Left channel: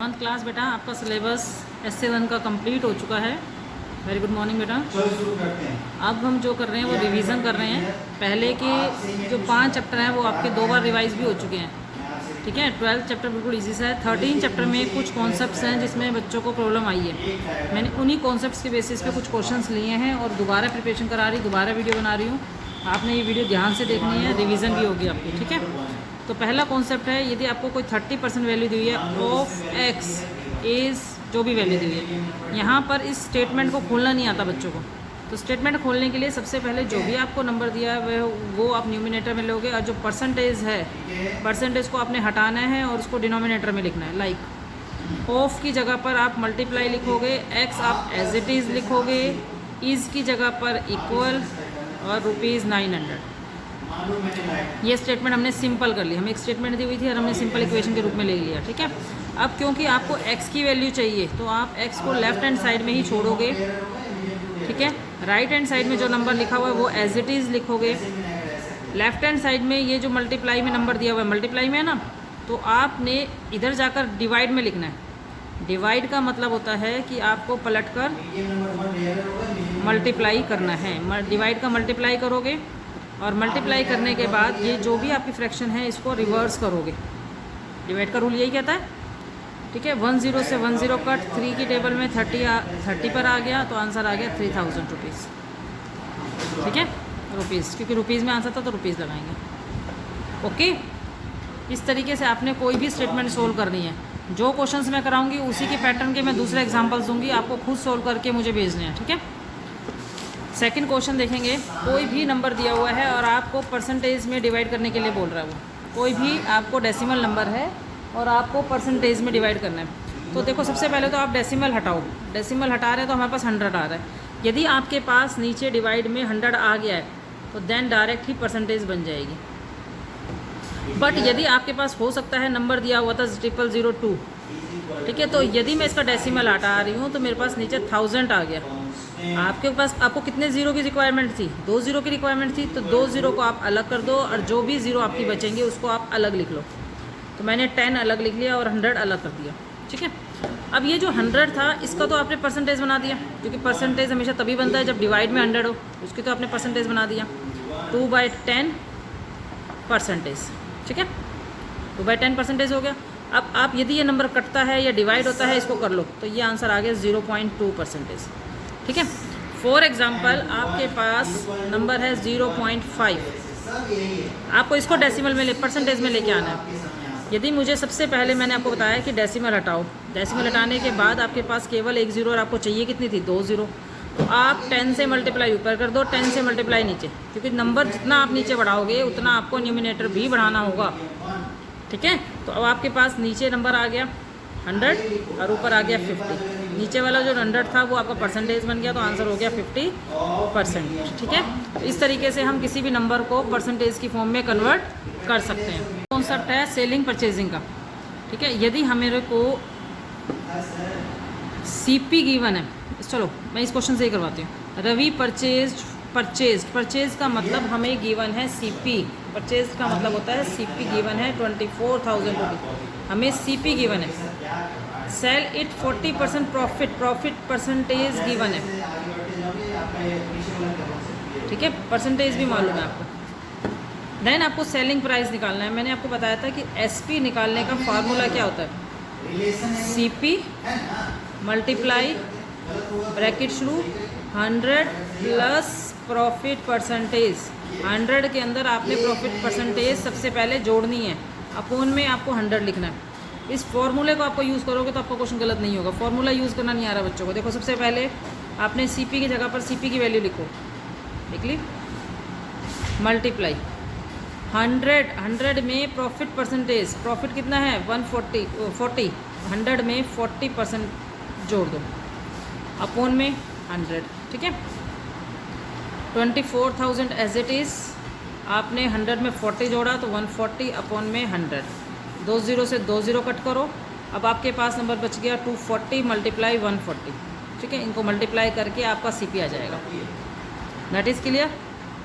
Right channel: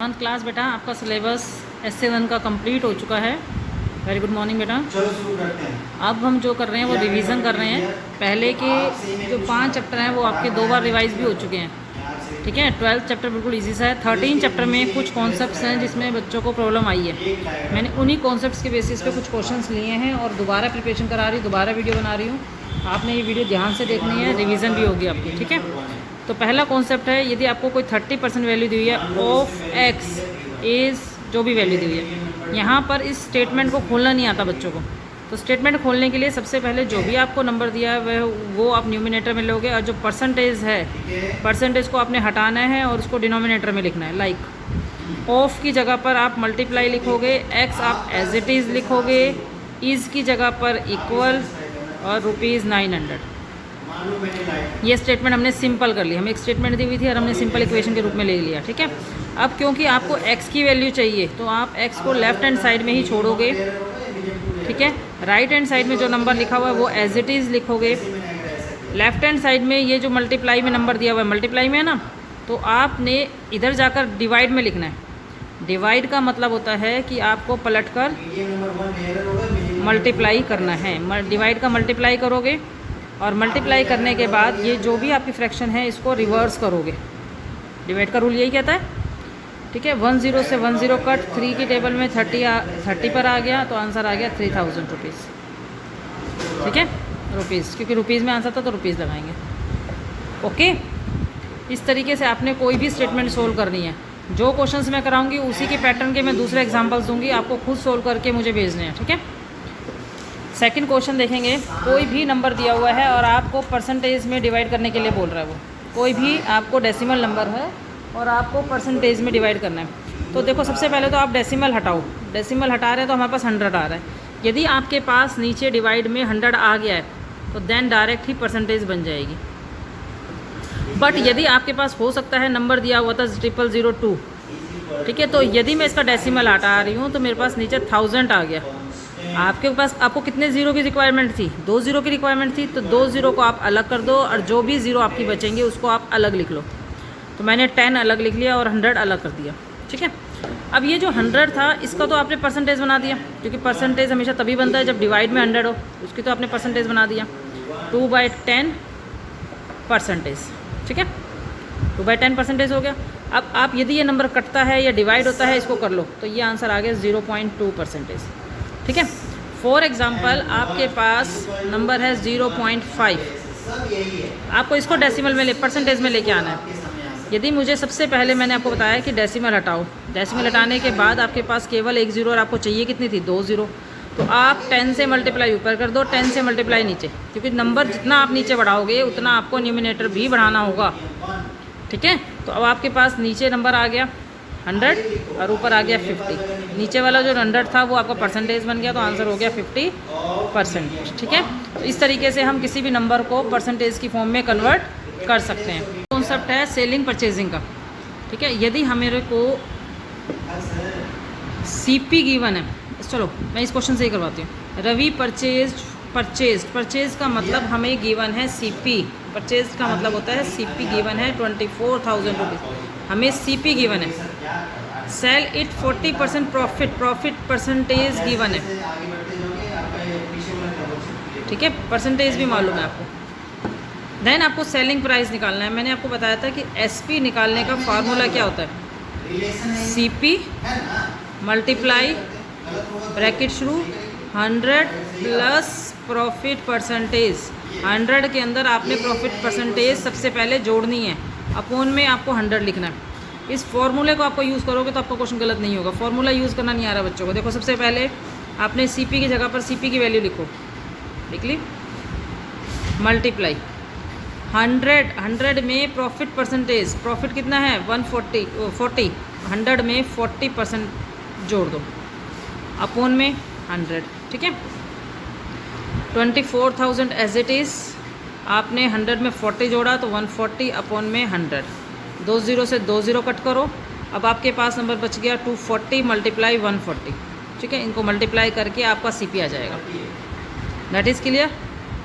One class बेटा आपका syllabus S7 का कंप्लीट हो चुका है। वेरी गुड मॉर्निंग बेटा। चलो शुरू करते हैं। अब हम जो कर रहे हैं वो रिवीजन कर रहे हैं। पहले के जो 5 चैप्टर हैं वो आपके 2 बार रिवाइज भी हो चुके हैं। ठीक है, 12th चैप्टर बिल्कुल इजी सा है। 13 चैप्टर में कुछ कॉन्सेप्ट्स हैं जिसमें बच्चों को प्रॉब्लम आई है। मैंने उन्हीं कॉन्सेप्ट्स के बेसिस पे कुछ क्वेश्चंस लिए हैं और दोबारा प्रिपरेशन करा रही, दोबारा वीडियो बना रही हूँ। आपने ये वीडियो ध्यान से देखनी है, रिवीजन भी होगी आपकी। ठीक है, तो पहला कॉन्सेप्ट है, यदि आपको कोई 30% वैल्यू दी हुई है ऑफ एक्स इज़ जो भी वैल्यू दी हुई है, यहाँ पर इस स्टेटमेंट को खोलना नहीं आता बच्चों को। तो स्टेटमेंट खोलने के लिए सबसे पहले जो भी आपको नंबर दिया है वो आप न्यूमिनेटर में लोगे, और जो परसेंटेज है परसेंटेज को आपने हटाना है और उसको डिनोमिनेटर में लिखना है। लाइक ऑफ की जगह पर आप मल्टीप्लाई लिखोगे, एक्स आप एज इट इज़ लिखोगे, इज़ की जगह पर इक्वल और ₹900। ये स्टेटमेंट हमने सिंपल कर ली। हमें एक स्टेटमेंट दी हुई थी और हमने सिंपल इक्वेशन के रूप में ले लिया। ठीक है, अब क्योंकि आपको x की वैल्यू चाहिए तो आप x को लेफ्ट हैंड साइड में ही छोड़ोगे। ठीक है, राइट हैंड साइड में जो नंबर लिखा हुआ है वो एज इट इज़ लिखोगे। लेफ्ट हैंड साइड में ये जो मल्टीप्लाई में नंबर दिया हुआ है, मल्टीप्लाई में है ना, तो आपने इधर जाकर डिवाइड में लिखना है। डिवाइड का मतलब होता है कि आपको पलट कर मल्टीप्लाई करना है। डिवाइड का मल्टीप्लाई करोगे और मल्टीप्लाई करने के बाद ये जो भी आपकी फ्रैक्शन है इसको रिवर्स करोगे। डिवाइड का रूल यही कहता है। ठीक है, 10 से 10 कट, 3 की टेबल में 30 पर आ गया तो आंसर आ गया 3000 रुपीज़। ठीक है, रुपीज़, क्योंकि रुपीज़ में आंसर था तो रुपीज़ लगाएंगे। ओके, इस तरीके से आपने कोई भी स्टेटमेंट सोल्व करनी है। जो क्वेश्चंस मैं कराऊंगी उसी के पैटर्न के मैं दूसरे एग्जाम्पल्स दूंगी, आपको खुद सोल्व करके मुझे भेजने हैं। ठीक है, सेकंड क्वेश्चन देखेंगे। कोई भी नंबर दिया हुआ है और आपको परसेंटेज में डिवाइड करने के लिए बोल रहा है। वो कोई भी आपको डेसिमल नंबर है और आपको परसेंटेज में डिवाइड करना है। तो देखो, सबसे पहले तो आप डेसिमल हटाओ। डेसिमल हटा रहे हैं तो हमारे पास 100 आ रहा है। यदि आपके पास नीचे डिवाइड में 100 आ गया है तो देन डायरेक्ट ही परसेंटेज बन जाएगी। बट यदि आपके पास हो सकता है नंबर दिया हुआ था 0002, ठीक है, तो यदि मैं इसका डेसिमल हटा रही हूँ तो मेरे पास नीचे 1000 आ गया। आपके पास आपको कितने ज़ीरो की रिक्वायरमेंट थी? 2 ज़ीरो की रिक्वायरमेंट थी, तो 2 ज़ीरो को आप अलग कर दो और जो भी ज़ीरो आपकी बचेंगे उसको आप अलग लिख लो। तो मैंने 10 अलग लिख लिया और 100 अलग कर दिया। ठीक है, अब ये जो 100 था इसका तो आपने परसेंटेज बना दिया, क्योंकि परसेंटेज हमेशा तभी बनता है जब डिवाइड में 100 हो। उसकी तो आपने परसेंटेज बना दिया, 2/10 परसेंटेज। ठीक है, 2/10 परसेंटेज हो गया। अब आप यदि ये नंबर कटता है या डिवाइड होता है इसको कर लो, तो ये आंसर आ गया 0.2 परसेंटेज। ठीक है, फॉर एग्जाम्पल आपके पास नंबर है 0.5, आपको इसको डेसिमल में परसेंटेज में लेके आना है। यदि मुझे सबसे पहले मैंने आपको बताया कि डेसिमल हटाओ, डेसिमल हटाने के बाद आपके पास केवल 1 ज़ीरो और आपको चाहिए कितनी थी? 2 ज़ीरो। तो आप 10 से मल्टीप्लाई ऊपर कर दो, 10 से मल्टीप्लाई नीचे, क्योंकि नंबर जितना आप नीचे बढ़ाओगे उतना आपको न्यूमिनेटर भी बढ़ाना होगा। ठीक है, तो अब आपके पास नीचे नंबर आ गया 100 और ऊपर आ गया 50। नीचे वाला जो 100 था वो आपका परसेंटेज बन गया, तो आंसर हो गया 50%। ठीक है, तो इस तरीके से हम किसी भी नंबर को परसेंटेज की फॉर्म में कन्वर्ट कर सकते हैं। कॉन्सेप्ट है सेलिंग परचेजिंग का। ठीक है, यदि हमारे को CP गिवन है, चलो मैं इस क्वेश्चन से ही करवाती हूँ। रवि परचेज का मतलब हमें गिवन है CP। परचेज का मतलब होता है CP गिवन है 24,000 रुपीज़, हमें CP गिवन है। Sell it 40% profit percentage given है। ठीक है, परसेंटेज भी मालूम है आपको। देन आपको सेलिंग प्राइस निकालना है। मैंने आपको बताया था कि SP निकालने का फार्मूला क्या होता है? CP मल्टीप्लाई ब्रैकेट शुरू 100 प्लस प्रॉफिट परसेंटेज। 100 के अंदर आपने प्रॉफिट परसेंटेज सबसे पहले जोड़नी है, अपोन में आपको 100 लिखना है। इस फॉर्मूले को आपको यूज़ करोगे तो आपका क्वेश्चन गलत नहीं होगा। फॉर्मूला यूज़ करना नहीं आ रहा बच्चों को। देखो, सबसे पहले आपने CP की जगह पर CP की वैल्यू लिखो, लिख ली, मल्टीप्लाई 100 में प्रॉफिट परसेंटेज, प्रॉफिट कितना है 140, 100 में 40% जोड़ दो, अपोन में 100। ठीक है, 24,000 एज इट इज़, आपने 100 में 40 जोड़ा तो 140 अपोन में 100। 2 ज़ीरो से 2 ज़ीरो कट करो, अब आपके पास नंबर बच गया 240 मल्टीप्लाई 140। ठीक है, इनको मल्टीप्लाई करके आपका CP आ जाएगा। That is clear.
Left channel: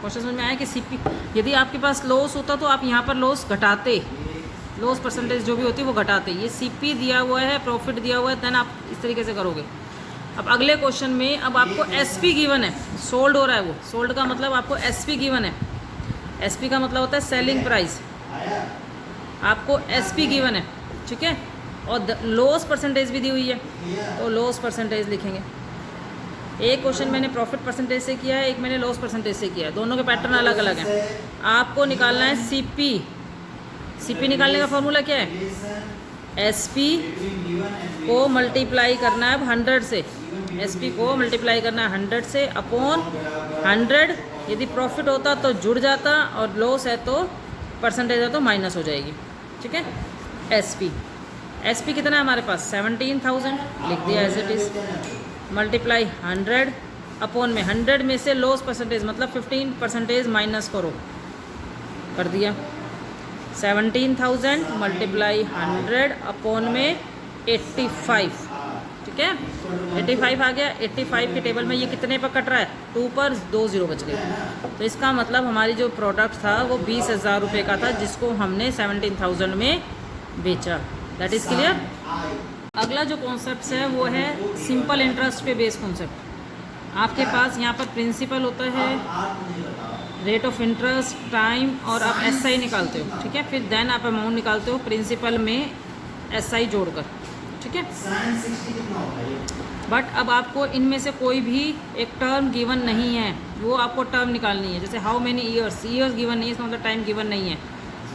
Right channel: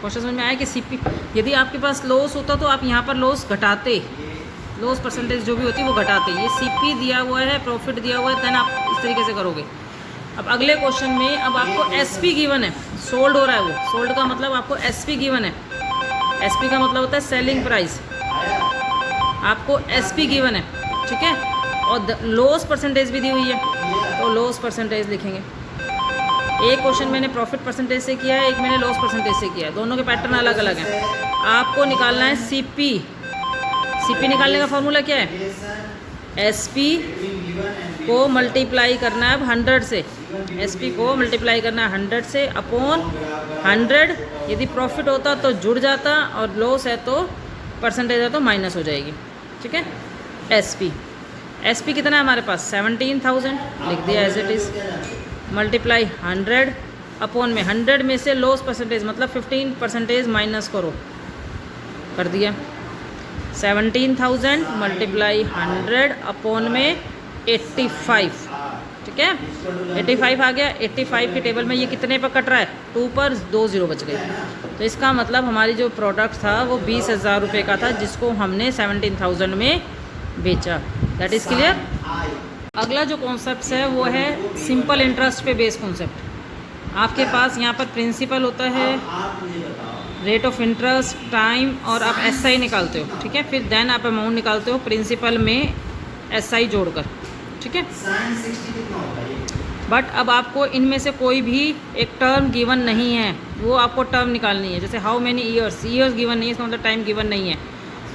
क्वेश्चन समझ में आया कि CP, यदि आपके पास लॉस होता तो आप यहाँ पर लॉस घटाते, लॉस परसेंटेज जो भी होती है वो घटाते हैं। ये सीपी दिया हुआ है, प्रॉफिट दिया हुआ है, देन आप इस तरीके से करोगे। अब अगले क्वेश्चन में अब आपको एसपी गिवन है, सोल्ड हो रहा है वो, सोल्ड का मतलब आपको एसपी गिवन है। एसपी का मतलब होता है सेलिंग प्राइस, आपको एसपी गिवन है, ठीक है। और लॉस परसेंटेज भी दी हुई है, तो लॉस परसेंटेज लिखेंगे। एक क्वेश्चन मैंने प्रॉफिट परसेंटेज से किया है, एक मैंने लॉस परसेंटेज से किया है, दोनों के पैटर्न अलग अलग हैं। आपको निकालना है सीपी। सीपी निकालने का फॉर्मूला क्या है? एसपी को मल्टीप्लाई करना है अब 100 से, एसपी को मल्टीप्लाई करना है 100 से अपॉन 100। यदि प्रॉफिट होता तो जुड़ जाता, और लॉस है तो परसेंटेज है तो माइनस हो जाएगी, ठीक है। एसपी, एसपी कितना है हमारे पास? 17,000 लिख दिया as it is, multiply 100 upon में 100 में से लॉस परसेंटेज मतलब 15% माइनस करो, कर दिया। 17,000 मल्टीप्लाई 100 अपॉन में 85, ठीक है। 85 आ गया। 85 के टेबल में ये कितने पर कट रहा है? 2 पर 2 0 बच गए। तो इसका मतलब हमारी जो प्रोडक्ट था वो 20,000 रुपये का था, जिसको हमने 17,000 में बेचा। That is clear. अगला जो कॉन्सेप्ट है वो है सिंपल इंटरेस्ट पे बेस्ड कॉन्सेप्ट। आपके पास यहाँ पर प्रिंसिपल होता है, रेट ऑफ इंटरेस्ट, टाइम, और आप एसआई निकालते हो, ठीक है। फिर देन आप अमाउंट निकालते हो प्रिंसिपल में एसआई जोड़कर, ठीक है। बट अब आपको इनमें से कोई भी एक टर्म गिवन नहीं है, वो आपको टर्म निकालनी है। जैसे how many years, years given नहीं है, इसका मतलब टाइम गिवन नहीं है।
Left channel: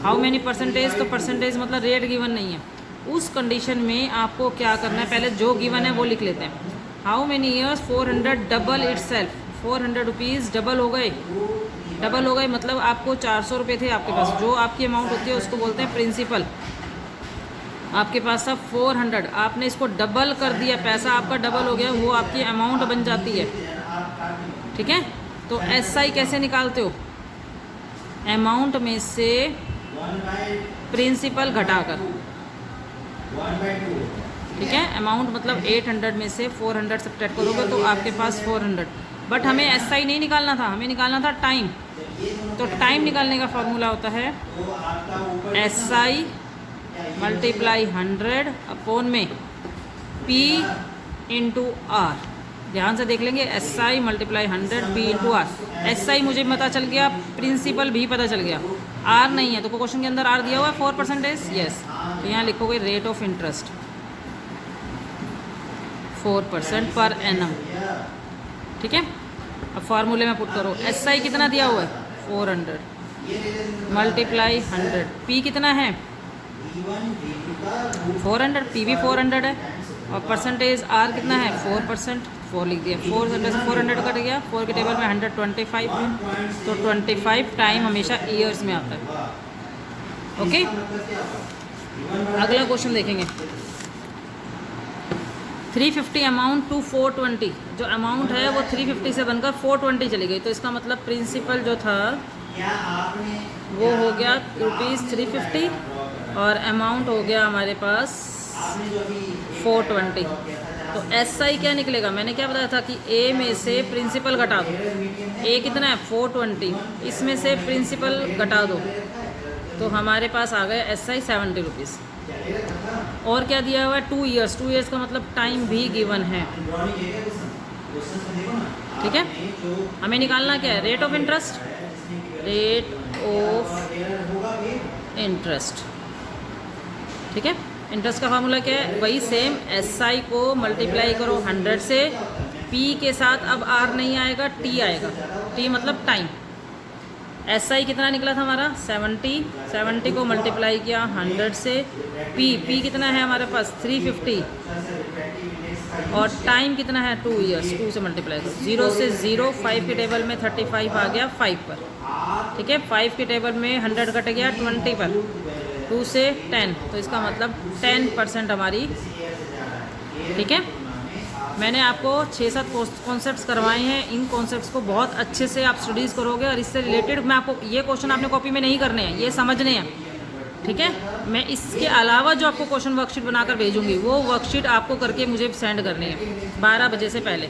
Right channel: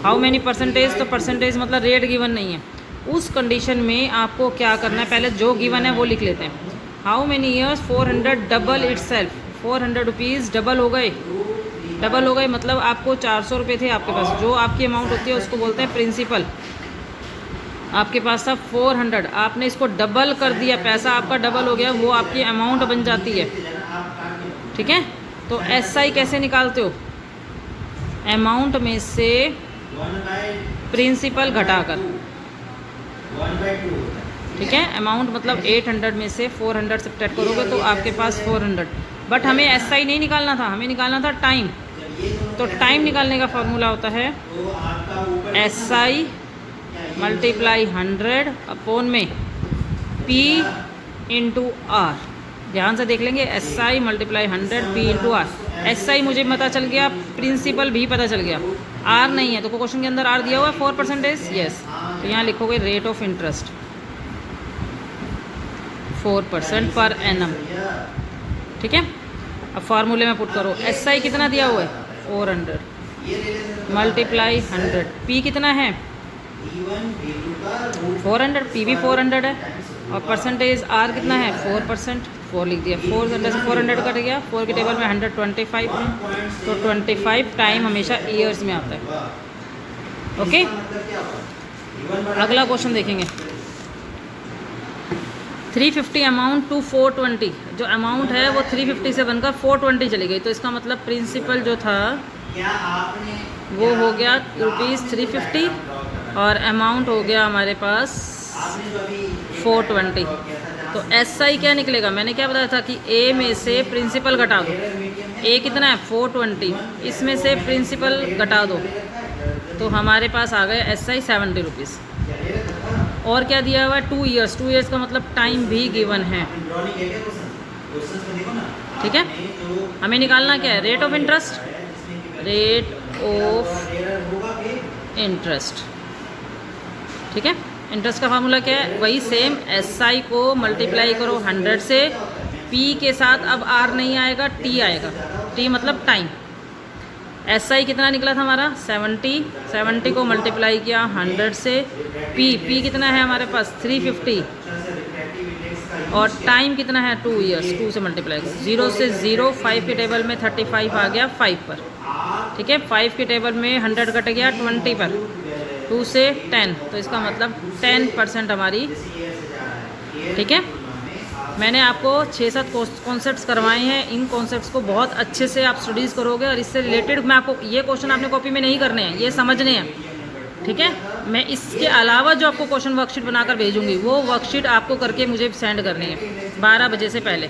हाउ मैनी परसेंटेज, तो परसेंटेज मतलब रेट गिवन नहीं है। उस कंडीशन में आपको क्या करना है, पहले जो गिवन है वो लिख लेते हैं। How many years, 400 double itself, 400 rupees double हो गए। डबल हो गए मतलब आपको 400 रुपये थे आपके पास, जो आपकी अमाउंट होती है उसको बोलते हैं प्रिंसिपल। आपके पास था 400, आपने इसको डबल कर दिया, पैसा आपका डबल हो गया, वो आपकी अमाउंट बन जाती है, ठीक है। तो एसआई कैसे निकालते हो? अमाउंट में से प्रिंसिपल घटाकर, ठीक है। अमाउंट मतलब 800 में से 400 सब्ट्रैक्ट करोगे तो आपके पास 400। बट हमें एसआई नहीं निकालना था, हमें निकालना था टाइम। तो टाइम निकालने का फॉर्मूला होता है एसआई मल्टीप्लाई 100 अपॉन में पी इंटू आर। ध्यान से देख लेंगे, SI multiply 100 P into R. SI मुझे पता चल गया, प्रिंसिपल भी पता चल गया, आर नहीं है। तो क्वेश्चन के अंदर आर दिया हुआ है 4%, यस। तो यहाँ लिखोगे rate of interest 4% per annum, ठीक है। अब फार्मूले में पुट करो, एसआई कितना दिया हुआ है 400 मल्टीप्लाई 100, पी कितना है 400, पी भी 400 है, और परसेंटेज आर कितना है 4%, 4 लिख दिया। 400 से 400 कट गया, 4 के टेबल में 125 है, तो 25 टाइम हमेशा ईयर्स में आता है, ओके। अगला क्वेश्चन देखेंगे। 350 अमाउंट टू 420, जो अमाउंट है वो 350 से बनकर 420 चली गई। तो इसका मतलब प्रिंसिपल जो था वो हो गया ₹350 और अमाउंट हो गया हमारे पास 420। तो एसआई क्या निकलेगा? मैंने क्या बताया था कि ए में से प्रिंसिपल घटा दो। ए कितना है 420, इसमें से प्रिंसिपल घटा दो, तो हमारे पास आ गए एसआई 70 रुपीज़। और क्या दिया हुआ है 2 ईयर्स, 2 ईयर्स का मतलब टाइम भी गिवन है, ठीक है। हमें निकालना क्या है? Rate of interest, rate of interest, ठीक है। इंटरेस्ट का फार्मूला क्या है? वही सेम, एसआई को मल्टीप्लाई करो 100 से, पी के साथ अब आर नहीं आएगा, टी आएगा, टी मतलब टाइम। एसआई कितना निकला था हमारा 70 को मल्टीप्लाई किया 100 से, पी कितना है हमारे पास 350, और टाइम कितना है 2 ईयर्स, 2 से मल्टीप्लाई करो, 0 से 0, 5 के टेबल में 35 आ गया 5 पर, ठीक है। 5 के टेबल में 100 कट गया 20 पर, 2 से 10, तो इसका मतलब 10% हमारी, ठीक है। मैंने आपको 6-7 कॉन्सेप्ट्स करवाए हैं, इन कॉन्सेप्ट्स को बहुत अच्छे से आप स्टडीज़ करोगे, और इससे रिलेटेड मैं आपको ये क्वेश्चन आपने कॉपी में नहीं करने हैं, ये समझने हैं, ठीक है। मैं इसके अलावा जो आपको क्वेश्चन वर्कशीट बनाकर भेजूंगी वो वर्कशीट आपको करके मुझे सेंड करनी है 12 बजे से पहले,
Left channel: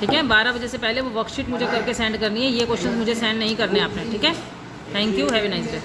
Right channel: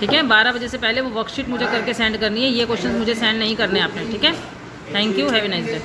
ठीक है। 12 बजे से पहले वो वर्कशीट मुझे करके सेंड करनी है, ये क्वेश्चन मुझे सेंड नहीं करने आपने, ठीक है। Thank you, have a nice day.